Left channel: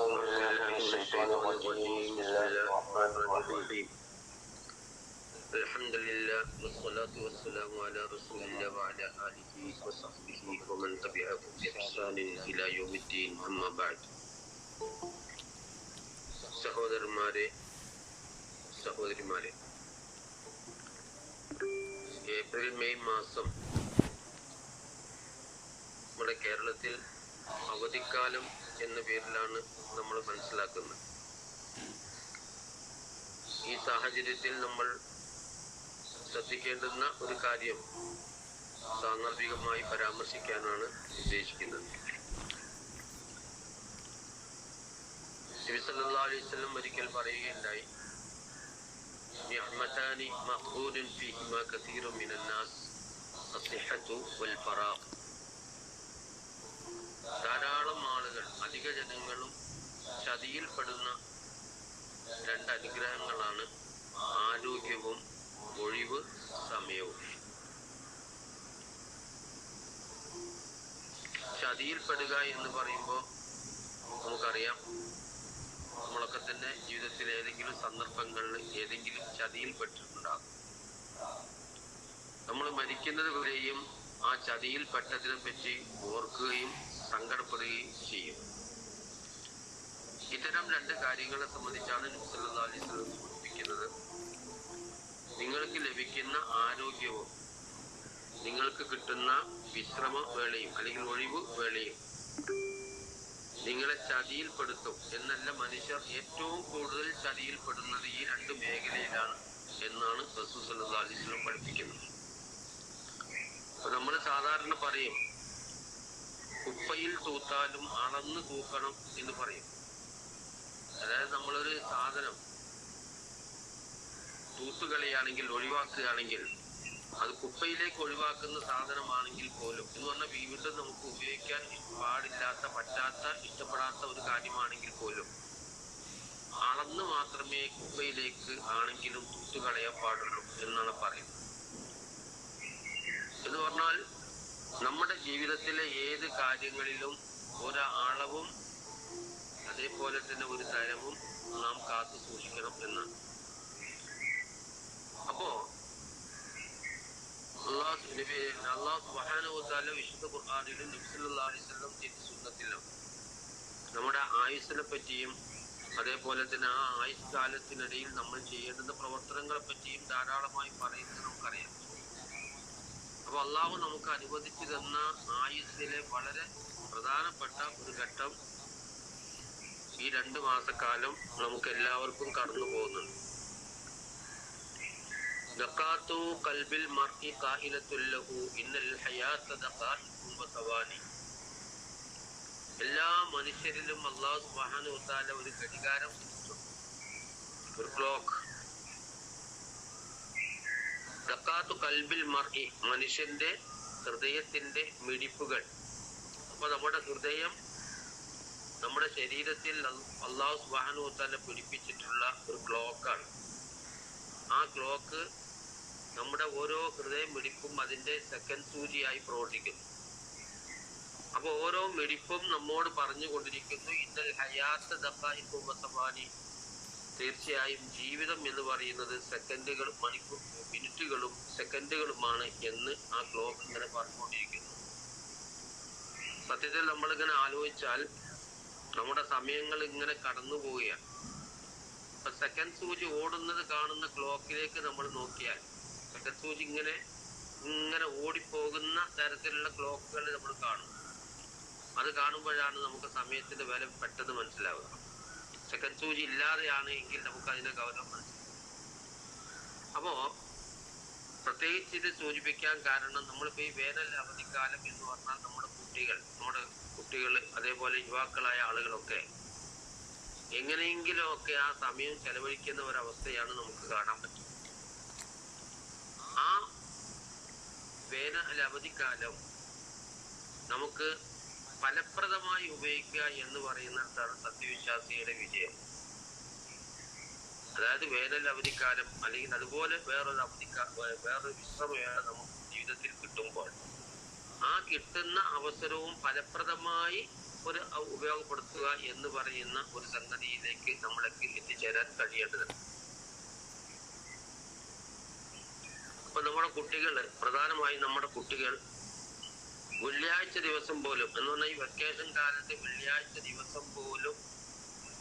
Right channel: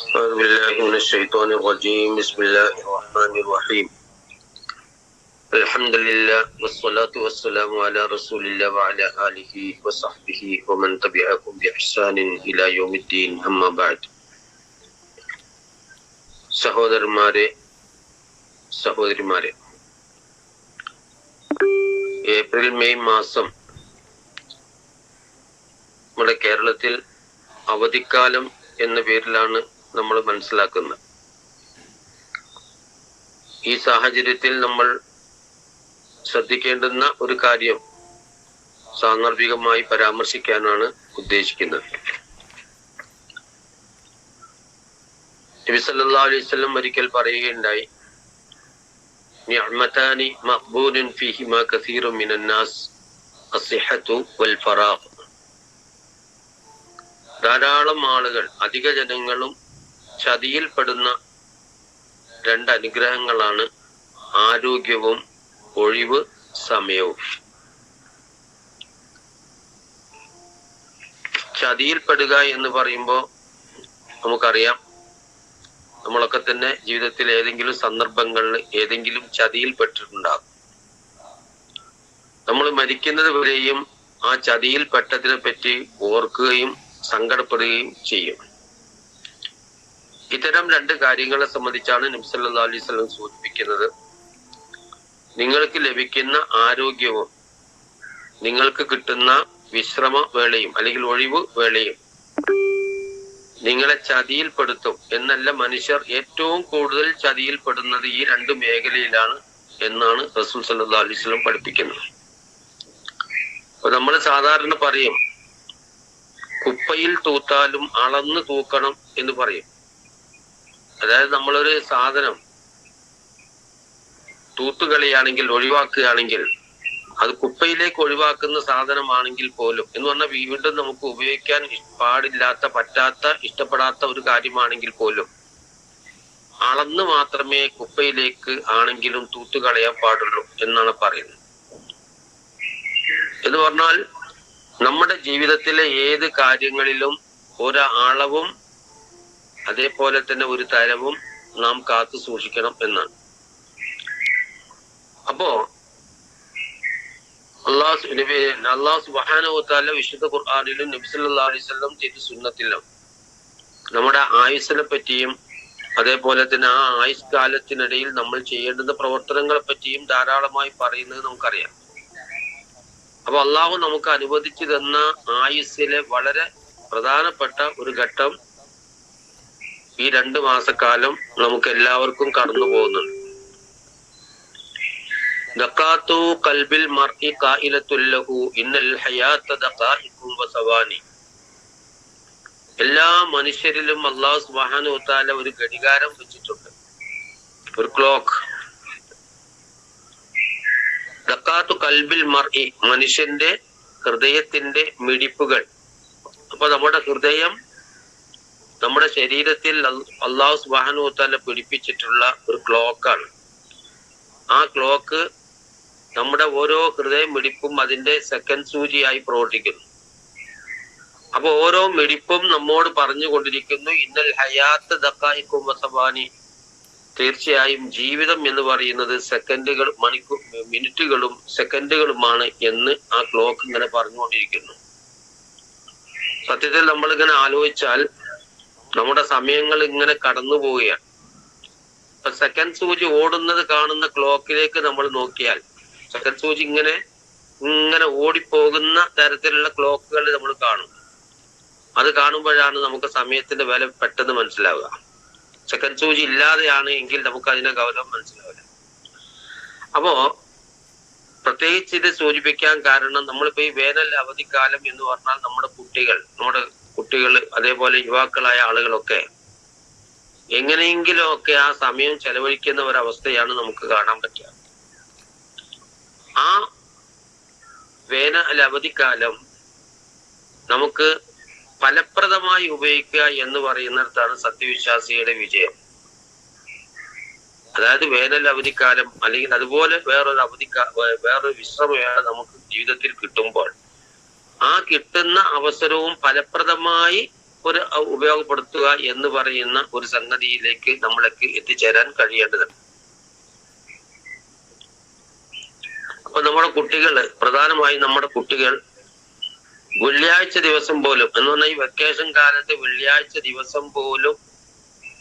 أعوذ بالله من الشيطان الرجيم بسم الله الرحمن الرحيم الحمد لله والصلاة والسلام على رسول الله وعلى آله وصحبه ومن تبعهم بإحسان إلى يوم الدين أما بعد സഹോദരന്മാരെ സഹോദരിമാരെ, April May മാസം നമ്മുടെ കേരളത്തിൽ അവധിക്കാലം എന്ന പേരിലാണ് നമ്മൾ മനസ്സിലാക്കുന്നത്. ഈ സാഹചര്യത്തിൽ നമ്മൾ ശ്രദ്ധിക്കേണ്ടുന്ന ഒരു കാര്യം സാന്ദർഭികമായി പരാമർശിക്കാനാണ് ഉദ്ദേശിക്കുന്നത്. നബി സല്ലല്ലാഹു അലൈഹി വസല്ലം ഒരിക്കൽ പറയുകയുണ്ടായി, നിഅമതാനി മഖ്ബൂനുൻ ഫീഹിമാ കസീറുൻ മിനൻ നാസ് അസ്സിഹതു വൽ ഫറാഖ്. ധാരാളം ആളുകൾ, അധിക ജനങ്ങളും ചതിയിൽപ്പെടുന്ന രണ്ട് അനുഗ്രഹങ്ങളാണ് ആരോഗ്യവും ഒഴിവ് സമയവും. ചതിയിൽപ്പെടുക എന്ന് പറയുമ്പോൾ നമുക്കറിയാം, നമ്മളൊക്കെ തന്നെ ജീവിതത്തിൽ ഏതെങ്കിലും സന്ദർഭങ്ങളിൽ ഏതെങ്കിലും ചതിയിൽപ്പെട്ടിട്ടുണ്ടാകും. നമ്മൾ മരിക്കുന്നത് വരെയും ആ ചതിയിൽപ്പെട്ടതിനെ പറ്റി ഓർക്കുകയും സങ്കടപ്പെടുകയും ചെയ്യും. ഇത്തരം രണ്ട് കാര്യങ്ങളെ സംബന്ധിച്ചാണ് നബി സല്ലല്ലാഹു അലൈഹി വസല്ലം സൂചിപ്പിക്കുന്നത്. നിങ്ങൾക്ക് ലഭിക്കുന്ന ആരോഗ്യവും നിങ്ങൾക്ക് കിട്ടുന്ന വിശ്രമ വേളയും അല്ലെങ്കിൽ ഒഴിവ് വേളയും നിങ്ങളെ ചതിയിൽപ്പെടുത്തും എന്നല്ല. മനുഷ്യർ ഏറ്റവും കൂടുതൽ ചതിയിൽപ്പെടുന്നത് ഈ രണ്ട് മേഖലയിലാണ് എന്നാണ് റസൂൽ സല്ലല്ലാഹു അലൈഹി വസല്ലം പഠിപ്പിക്കുന്നത്. അപ്പൊ നമ്മൾ സാധാരണ പറയും, കുപ്പയിൽ തൂത്താലും അളന്ന് തൂക്കണം എന്ന് പറയും. അതായത് നമ്മളൊരു സാധനം തൂത്തുകളിയാണെങ്കിൽ, ഒഴിവാക്കുകയാണെങ്കിൽ, അത് കുപ്പയിലേക്ക് ഒഴിവാക്കുന്ന സാധനമാണെങ്കിൽ പോലും എന്ന് പറഞ്ഞാൽ വീണ്ടും നമുക്ക് ഉപയോഗിക്കാൻ പാടില്ലാത്ത, പറ്റാത്ത, ഇഷ്ടപ്പെടാത്ത ഒരു കാര്യമാണെങ്കിൽ പോലും അളന്ന് മാത്രമേ കുപ്പയിലേക്ക് ആണെങ്കിലും തൂത്തുകളയാൻ പാടുള്ളൂ എന്നാണ് പറയുന്നത്. എന്ന് പറഞ്ഞാൽ നമ്മുടെ ജീവിതത്തിലെ ഏത് കാര്യങ്ങളിലും ഒരു അളവും അതേപോലെ തന്നെ ഒരു തരവും നാം കാത്തു സൂക്ഷിക്കണം എന്നാണ്. അപ്പോ അല്ലാഹു സുബ്ഹാനഹു വ തആല വിശുദ്ധ ഖുർആനിലും നബി സല്ലല്ലാഹു അലൈഹി വസല്ലം ചെയ്ത സുന്നത്തിലും നമ്മുടെ ആയുസ്സിനെ പറ്റിയും അതേപോലെ തന്നെ ആ ആയുസ് കാലത്തിനിടയിൽ നമ്മൾ ചെയ്യേണ്ടുന്ന പ്രവർത്തനങ്ങളെ പറ്റിയും ധാരാളമായി പറയുന്നത് നമുക്കറിയാം. അപ്പൊ അള്ളാഹു നമുക്ക് അനുവദിച്ചു തന്ന ആയുസ്സിലെ വളരെ പ്രധാനപ്പെട്ട ഒരു ഘട്ടം ഈ 2 മാസക്കാലം നമുക്ക് എല്ലാവർക്കും കടന്നു പോകുന്നുണ്ട്. ദഖാത്തു ഖൽബിൽ മർഇ ഖായിലത്തുൽ ലഹു ഇന്നൽ ഹയാത ദഖായിഖും വസവാനി. എല്ലാ മനുഷ്യരിലും അല്ലാഹു സുബ്ഹാനഹു വ തആല ഒരു ഘടികാരം വെച്ചിട്ടുണ്ട്, ഒരു ക്ലോക്ക്. ദഖാത്തു ഖൽബിൽ മർഇ, മനുഷ്യന്റെ ഹൃദയത്തിന്റെ മിടിപ്പുകൾ. അപ്പൊ നമ്മുടെ ഹൃദയം നമ്മുടെ ശരീരത്തിൽ അല്ലാഹു സുബ്ഹാനഹു വ തആല പിടിപ്പിച്ചിട്ടുള്ള ഒരു ക്ലോക്കാണ്. ആ ക്ലോക്ക് നമ്മുടെ ഓരോ ഹൃദയ മിടിപ്പും അതിന്റെ സെക്കൻഡ് സൂചിയായി പ്രവർത്തിക്കുന്നു. അപ്പൊ ഓരോ മിടിപ്പും നമ്മോട് പറഞ്ഞുകൊണ്ടിരിക്കുന്നു, ഇന്നൽ ഹയാത്ത് ദഖായിഖും വസവാനി, തീർച്ചയായും ജീവിതം എന്ന് പറയുന്നത് സെക്കൻഡുകൾ, മിനിറ്റുകളും സെക്കൻഡുകളുമാണ് എന്ന് ആ ക്ലോക്ക് ഇങ്ങനെ പറഞ്ഞുകൊണ്ടിരിക്കുന്നു. സത്യത്തിൽ നമ്മളിങ്ങനെ ആലോചിച്ചാൽ നമ്മുടെ സമയങ്ങൾ ഇങ്ങനെ കടന്നു പോവുകയാണ്. ഇപ്പൊ സെക്കൻഡ് സൂചി ഓടുന്നത് കാണുന്ന ക്ലോക്കിലേക്ക് നമ്മൾ നോക്കിയാൽ, സെക്കൻഡ് സൂചി ഇങ്ങനെ ഓടിപ്പോകുന്ന തരത്തിലുള്ള ക്ലോക്കുകൾ നമ്മൾ കാണും. അത് കാണുമ്പോഴാണ് നമുക്ക് സമയത്തിന്റെ വില പെട്ടെന്ന് മനസ്സിലാവുക. സെക്കൻഡ് സൂചി ഇല്ലാതെയാണ് എങ്കിൽ നമുക്ക് അതിന്റെ ഗൗരവം മനസ്സിലാവില്ല. അപ്പോ പ്രത്യേകിച്ച് ഇത് സൂചിപ്പിക്കാൻ കാരണം, നമ്മളിപ്പോ ഈ വേനൽ അവധിക്കാലം എന്ന് പറഞ്ഞാൽ നമ്മുടെ കുട്ടികൾ അതേപോലെ യുവാക്കളായ ആളുകളൊക്കെ എങ്ങനെയെങ്കിലും ഒക്കെ ആ സമയം ചെലവഴിക്കുന്ന ഒരവസ്ഥയാണ് നമുക്ക് കാണാൻ പറ്റുക. ആ വേനൽ അവധിക്കാലം നമുക്ക് ഫലപ്രദമായി ഉപയോഗിക്കുക എന്ന് പറയുന്നിടത്താണ് സത്യവിശ്വാസിയുടെ വിജയം. അതായത് വേനൽ അവധിക്കാലം അല്ലെങ്കിൽ അതുപോലെ വേറൊരു വിശ്രമവേള നമുക്ക് ജീവിതത്തിൽ കിട്ടുമ്പോൾ ആ കിട്ടുന്ന അവസരവും ഫലപ്രദമായി ഒരു ഉപയോഗപ്പെടുത്തുക എന്ന് പറയുന്ന ഒരു സംഗതിയിലേക്ക് നമ്മളൊക്കെ എത്തിച്ചേരാൻ കഴിയേണ്ടതുണ്ട്. അപ്പൊ നമ്മുടെ കുട്ടികള്, പ്രധാനമായും നമ്മുടെ കുട്ടികൾ വെള്ളിയാഴ്ച ദിവസം പോലും, എന്ന് പറഞ്ഞാൽ ഈ വെക്കേഷൻ കാലത്ത് വെള്ളിയാഴ്ച ദിവസം പോലും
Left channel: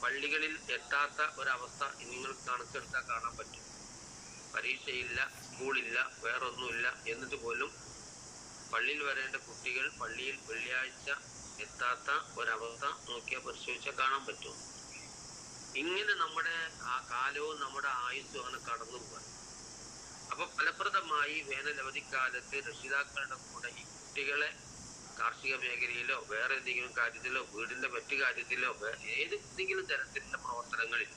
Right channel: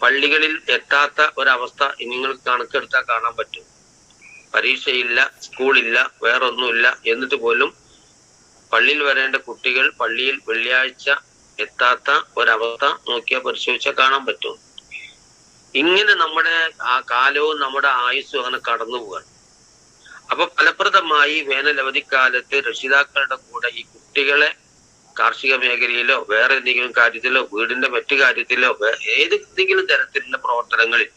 പള്ളികളിൽ എത്താത്ത ഒരവസ്ഥ നിങ്ങൾക്ക് കണക്കെടുത്താൽ കാണാൻ പറ്റും. പരീക്ഷയില്ല, സ്കൂളില്ല, വേറൊന്നുമില്ല, എന്നിട്ട് പോലും പള്ളിയിൽ വരേണ്ട കുട്ടികൾ പള്ളിയിൽ വെള്ളിയാഴ്ച എത്താത്ത ഒരവസ്ഥ നോക്കിയാൽ പരിശോധിച്ചാൽ കാണാൻ പറ്റും. ഇങ്ങനെ നമ്മുടെ ആ കാലവും നമ്മുടെ ആയുസ്സും അങ്ങനെ കടന്നു പോവാണ്. അപ്പൊ ഫലപ്രദമായി വേനലവധിക്കാലത്ത് രക്ഷിതാക്കളുടെ കൂടെ ഈ കുട്ടികളെ കാർഷിക മേഖലയിലോ വേറെ എന്തെങ്കിലും കാര്യത്തിലോ വീടിന്റെ മറ്റു കാര്യത്തിലോ ഏതെങ്കിലും തരത്തിലുള്ള പ്രവർത്തനങ്ങളിൽ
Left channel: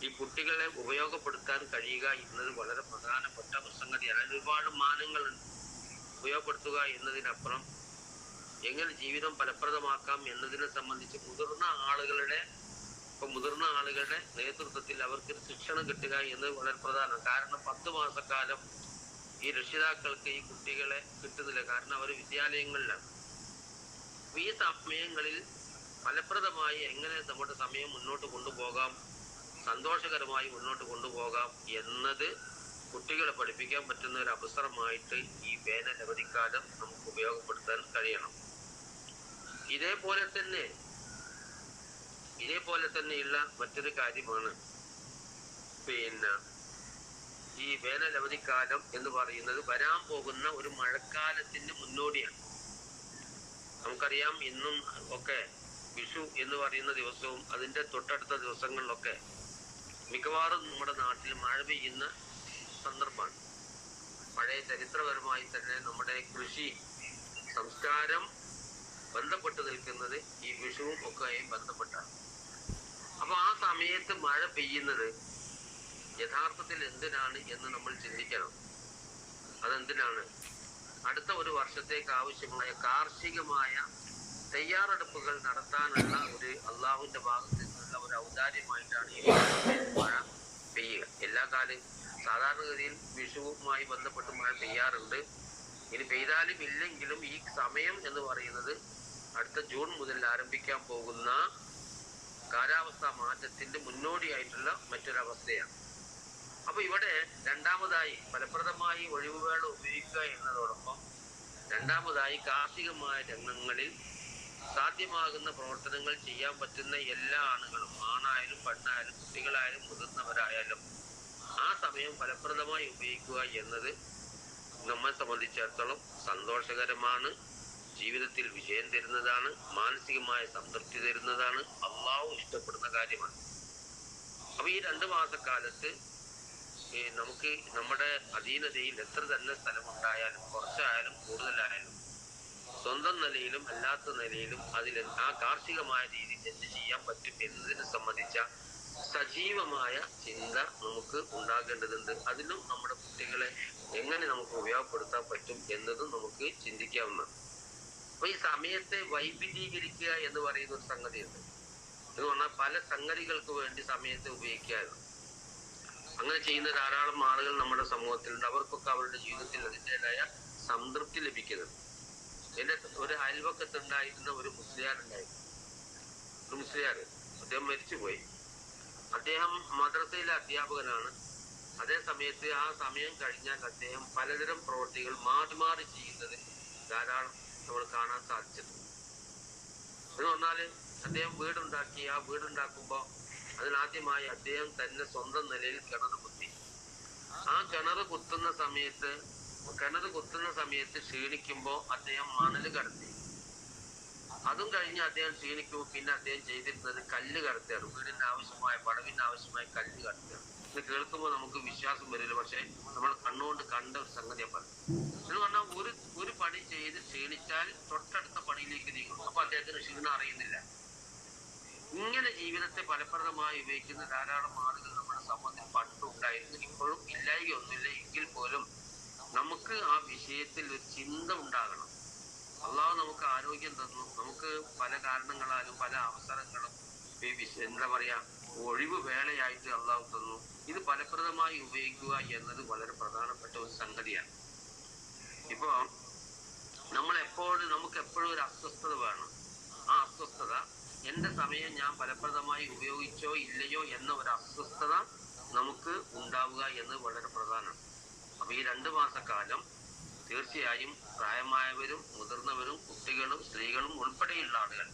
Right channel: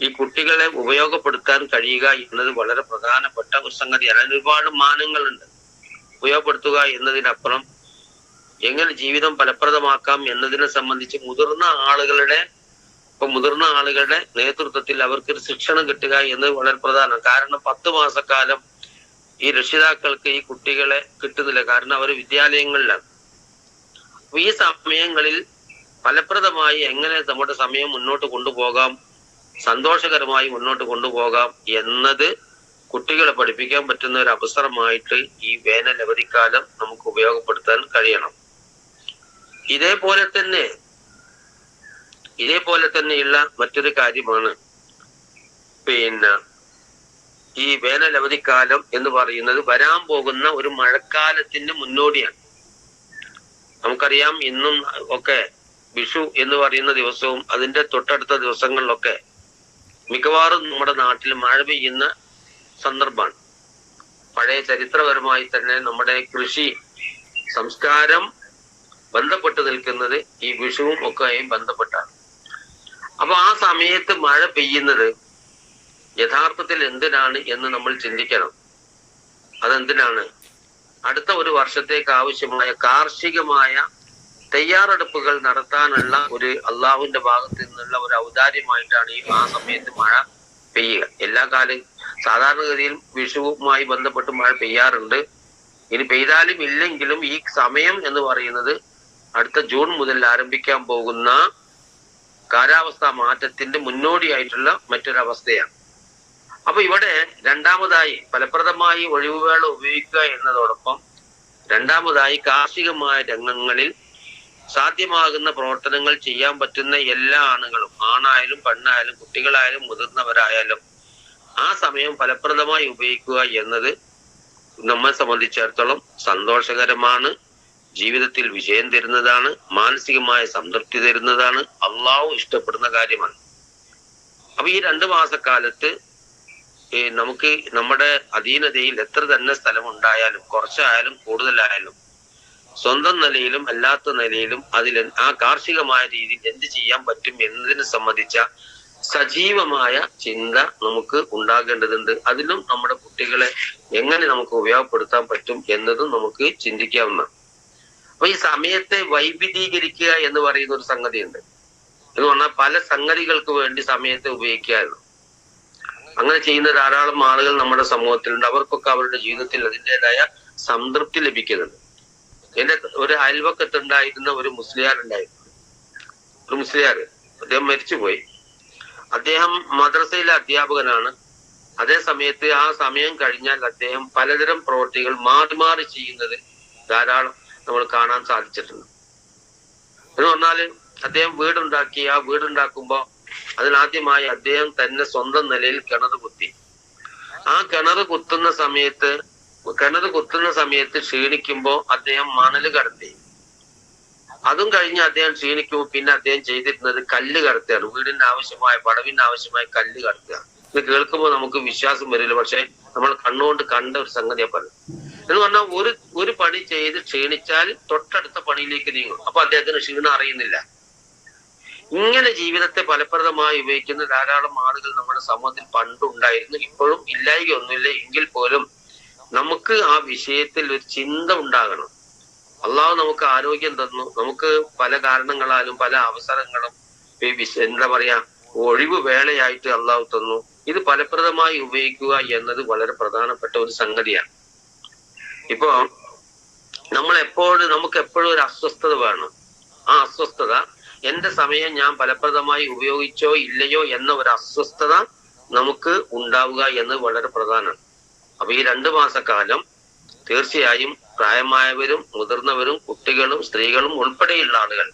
ഈ കുട്ടികളെ ഉപയോഗപ്പെടുത്താൻ കഴിയുക എന്നത് വളരെ പ്രധാനപ്പെട്ട ഒരു സംഗതിയാണ്. അതിന് ഒരുപാട് മാനങ്ങളുണ്ട്. ഉപയോഗപ്പെടുത്തുക എന്നതിനപ്പുറം എങ്ങനെ ജീവിതം ഫലപ്രദമാക്കാം എന്നതിനെ സംബന്ധിച്ച് മുതിർന്ന ആളുകളുടെ നേതൃത്വത്തിൽ അവർക്കൊരു ശിക്ഷണം കിട്ടുക എന്നത് വളരെ പ്രധാനമാണ്. കാരണം 10 മാസക്കാലം ഈ രക്ഷിതാക്കൾക്ക് ഈ കുട്ടികളെ കിട്ടുന്നില്ല, കാരണം അവർ വിദ്യാലയങ്ങളിലാണ്. അപ്പൊ ഈ സമയങ്ങളിൽ ഫലപ്രദമായി എങ്ങനെ നമ്മുടെ സമയം മുന്നോട്ട് കൊണ്ടുപോകാം, സന്തോഷകരമായി മുന്നോട്ട് കൊണ്ടുപോകാം എന്നത് കുട്ടികളെ പഠിപ്പിക്കാൻ പറ്റുന്ന ഒരു അവസരമായിട്ട് ഈ വേനൽ അവധിക്കാലം നമുക്ക് ഉപയോഗപ്പെടുത്താൻ കഴിയണം. ഇതേപോലെ തന്നെയുള്ള മറ്റൊരു കാര്യമാണ് ഈ വേനൽ അവധിക്കാലം എന്ന് പറയുന്നത് വരാൻ പോകുന്ന ഒരു മഴക്കാലത്തിന്റെ മുന്നോടിയാണ്. നമുക്കറിയാം, ഇന്നും ഒക്കെ വിഷു എന്ന് പറയുന്ന ദിവസവും അതിന്റെ തൊട്ടടുത്ത ദിവസങ്ങളിലൊക്കെ മിക്കവാറും നമ്മുടെ നാട്ടിൽ മഴ പെയ്യുന്ന സന്ദർഭമാണ്. പഴയ ചരിത്രപരമായി തന്നെ നമ്മുടെ കൃഷി സംസ്കാരം ബന്ധപ്പെട്ട് നിൽക്കുന്നത് ഈ വിഷുവും ഒക്കെയും ബന്ധപ്പെട്ടാണ്. അപ്പൊ ആ സമയത്ത് മഴ പെയ്യുന്നത് യഥാർത്ഥത്തിൽ എന്തിനാണ് എന്ന് നമ്മൾ ചിന്തിക്കണം. അതെന്തിനാണ്? അടുത്ത ഒരു വർഷത്തേക്ക് ആവശ്യമായ കാർഷികമായ തയ്യാറെടുപ്പുകൾ നടത്താനുള്ള ഒരു അള്ളാഹുവിന്റെ ഭാഗത്ത് നിന്നുള്ള ഒരു ഔദാര്യമായിട്ടാണ് ആ സമയത്ത് മഴ പെയ്യുക. എല്ലാ കാലം സാധാരണഗതിയിൽ വിഷുവുമായി ബന്ധപ്പെട്ട് മഴ പെയ്യാറുണ്ട്. ഇനി പെയ്താലും ഇല്ലെങ്കിലും ഈ സമയം എന്ന് പറയുന്നത് അടുത്ത ജൂൺ മുതൽ ആരംഭിക്കാൻ പോകുന്ന കാലാവസ്ഥാ മാറ്റത്തിന്റെ മുന്നോടിയായിട്ടുള്ള മറ്റൊരവസ്ഥയാണ്. അപ്പൊ ഇവിടെ രണ്ടാമതായി ഫലപ്രദമായി ഒഴിവുവേള ഉപയോഗിക്കുക എന്നതോടൊപ്പം രണ്ടാമതായി കാർഷികമായ രംഗങ്ങളിൽ സാധ്യമാകുന്ന പ്രവർത്തനങ്ങൾ ചെയ്യാൻ പറ്റുന്ന എല്ലാ ആണുങ്ങളും, ആണായാലും പെണ്ണായാലും കുട്ടികളായാലും മുതിർന്നവരായാലും ആ സമയം ഫലപ്രദമായി ഉപയോഗിക്കുക എന്നത് നമ്മെ സംബന്ധിച്ചിടത്തോളം സന്തോഷകരമാണ്, ജീവിതത്തിൽ വിജയം തരുന്നതാണ്, മാനസികമായ സംതൃപ്തി തരുന്നതാണ്, അള്ളാഹു ഇഷ്ടപ്പെടുന്ന കാര്യമാണ്. അപ്പൊ ഈ 2 മാസക്കാലത്ത് നമുക്ക് നമ്മുടെ അധീനതയിൽ എത്ര തന്നെ സ്ഥലമുണ്ടായാലും, കുറച്ചായാലും കൂടുതലായാലും, സ്വന്തം നിലയിലും അല്ലാത്ത നിലയിലും ആ കാർഷികമായ രീതിയിൽ എന്ത് ചെയ്യാൻ പറ്റും എന്നതിനെ സംബന്ധിച്ച സജീവമായ ചിന്ത നമുക്ക് ഉണ്ടാകേണ്ടതുണ്ട്. അതിലും നമ്മുടെ കുട്ടികളെ എങ്ങനെ നമുക്ക് ഉപയോഗപ്പെടുത്താൻ പറ്റും എന്നതും നമുക്ക് ചിന്തിക്കാവുന്നതാണ്. അപ്പൊ ഈ സമയത്തെ വൈവിധ്യീകരിക്കുക എന്ന് പറയുന്ന ഒരു സംഗതിയുണ്ട്. എന്ന് പറഞ്ഞാൽ പല സംഗതികൾക്ക് വേണ്ടി സമയത്തെ ഉപയോഗിക്കാറുണ്ട്. അങ്ങനെ ചെയ്യുന്ന ധാരാളം ആളുകൾ നമ്മുടെ സമൂഹത്തിലുണ്ട്. അവർക്കൊക്കെ അവരുടെ ജീവിതത്തിൽ അതിൻ്റെതായ സംതൃപ്തി ലഭിക്കുന്നുണ്ട്. എന്റെ ഒരു അയൽവക്കത്തുണ്ടായിരുന്ന ഒരു മുസ്ലിയാർ ഉണ്ടായിരുന്നു. അദ്ദേഹം മരിച്ചുപോയി. അദ്ദേഹം മദ്രസയിലെ അധ്യാപകനാണ്. അതേ സമയത്ത് ആ സമയം കഴിഞ്ഞാൽ അദ്ദേഹം പലതരം പ്രവൃത്തികൾ മാറി മാറി ചെയ്യുന്നത് ധാരാളം നമ്മൾ കാണാൻ സാധിച്ചിട്ടുണ്ട്. എന്ന് പറഞ്ഞാല് അദ്ദേഹം വീടുണ്ടാക്കി. ആ വീടുണ്ടാക്കുമ്പോ അതിനാദ്യമായി അദ്ദേഹം തന്നെ സ്വന്തം നിലയിൽ കിണർ കുത്തി. ആ കിണർ കുത്തുന്ന സമയത്ത് ക്ഷീണിക്കുമ്പോ അദ്ദേഹം മണല് കടത്തി. അതും കഴിഞ്ഞ് അദ്ദേഹം ക്ഷീണിക്കുമ്പോൾ പിന്നെ അദ്ദേഹം ചെയ്തിരുന്നത് കല്ല് കടത്തുകയാണ്. വീടിന് ആവശ്യമായ പടവിന് ആവശ്യമായ കല്ല് കടത്തുക. ഇത് കേൾക്കുമ്പോൾ നമുക്ക് വിശ്വാസം വരില്ല, പക്ഷെ നമ്മൾ കണ്ണുകൊണ്ട് കണ്ട ഒരു സംഗതിയെ പറയും. എന്ന് പറഞ്ഞാൽ ഒരു പണി ചെയ്ത് ക്ഷീണിച്ചാൽ തൊട്ടടുത്ത പണിയിലേക്ക് നീങ്ങും. അപ്പൊ അദ്ദേഹത്തിന് ക്ഷീണം അറിയുന്നില്ല. ഇങ്ങനെ ജീവിതത്തെ ഫലപ്രദമായി ഉപയോഗിക്കുന്ന ധാരാളം ആളുകൾ നമ്മുടെ സമൂഹത്തിൽ പണ്ടുണ്ടായിരുന്നു. ഇപ്പോഴും ഇല്ലായ്ക ഒന്നുമില്ല. എങ്കിൽ പോലും നമുക്ക് ആ വിഷയത്തിൽ ഒരു ചിന്ത ഉണ്ടാകണം. അള്ളാഹു നമുക്ക് ആരോഗ്യം തന്നു. നമുക്ക് പല കാരണങ്ങളാലും പല അവസരങ്ങളും എന്താ പറയാ ഒഴിവ് വേളയായിട്ട് അള്ളാഹു തന്നു. ഇത് ഫലപ്രദമായി ഉപയോഗിക്കുക എന്നത് വളരെ പ്രധാനപ്പെട്ട ഒരു സംഗതിയാണ്. ഇപ്പോ നമുക്ക് എപ്പോഴും ഒരു അസ്വസ്ഥത വേണം. ആ അസ്വസ്ഥത, എന്റെ സമയം ഞാൻ ഫലപ്രദമായി ഉപയോഗിച്ചോ ഇല്ലയോ എന്ന ഒരു അസ്വസ്ഥത നമുക്ക് ഉണ്ടാവുക എന്ന് വളരെ പ്രധാനമാണ്. അപ്പൊ ഈ 2 മാസക്കാലം തീർച്ചയായും പ്രായമായവരും മുതിർന്നവരും കുട്ടികളും സ്ത്രീകളും ഉൾപ്പെടെയുള്ള ആളുകൾ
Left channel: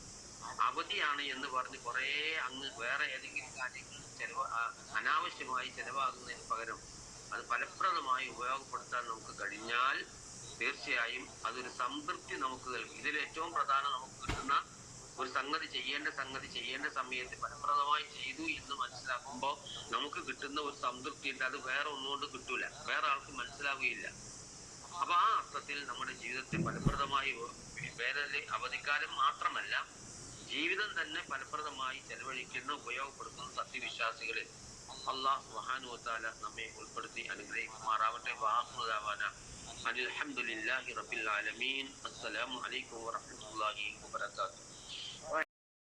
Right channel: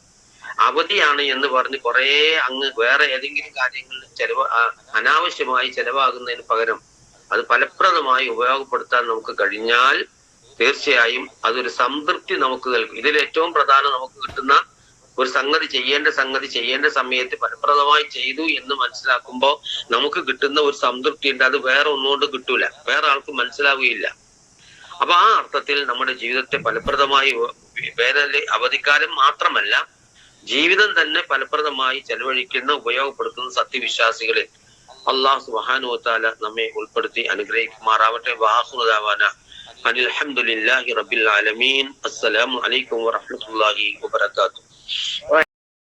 അവധിയാണ് എന്ന് പറഞ്ഞ് കുറെ അങ്ങ് വേറെ ഏതെങ്കിലും കാര്യങ്ങളിൽ അനാവശ്യമായി ചെലവാകുന്നതിന് പകരം അത് ഫലപ്രദമായി ഉപയോഗപ്പെടുത്താൻ നമുക്ക് കഴിഞ്ഞാൽ തീർച്ചയായും അതൊരു സംതൃപ്തി നമുക്ക് നൽകും. ഇതിൽ ഏറ്റവും പ്രധാനം നമുക്ക് കിട്ടുന്ന ഒരു സംഗതി ചെയ്യേണ്ട സമയത്ത് ഫലപ്രദമായി ചെയ്തു എന്ന് മനസ്സിലാക്കുമ്പോൾ നമുക്ക് കിട്ടുന്ന ഒരു സംതൃപ്തി ഉണ്ട്. അത് വേറെ ഒന്നുകൊണ്ട് കിട്ടൂല, വേറെ ആൾക്ക് മനസ്സിലാവുകയില്ല. അപ്പൊ ആ അർത്ഥത്തിൽ നമ്മുടെ ജീവിതത്തെ ഫലപ്രദമായി വേനൽ അവധിക്കാലം മാത്രമല്ല ജീവിതം തന്നെ ഫലപ്രദമായി ചെലവഴിക്കുന്ന ഉപയോഗപ്പെടുത്തുന്ന സത്യവിശ്വാസികളിൽ അല്ലാഹു സുബ്ഹാനഹു വ തആല നമ്മെ ഉൾപ്പെടുത്തി അനുഗ്രഹിക്കുമാറാവട്ടെ. വആഖിറു ദഅവാന അനിൽ ഹംദുലില്ലാഹി റബ്ബിൽ ആലമീൻ. അസ്സലാമു അലൈക്കും വറഹ്മത്തുള്ളാഹി വബറകാതുഹു.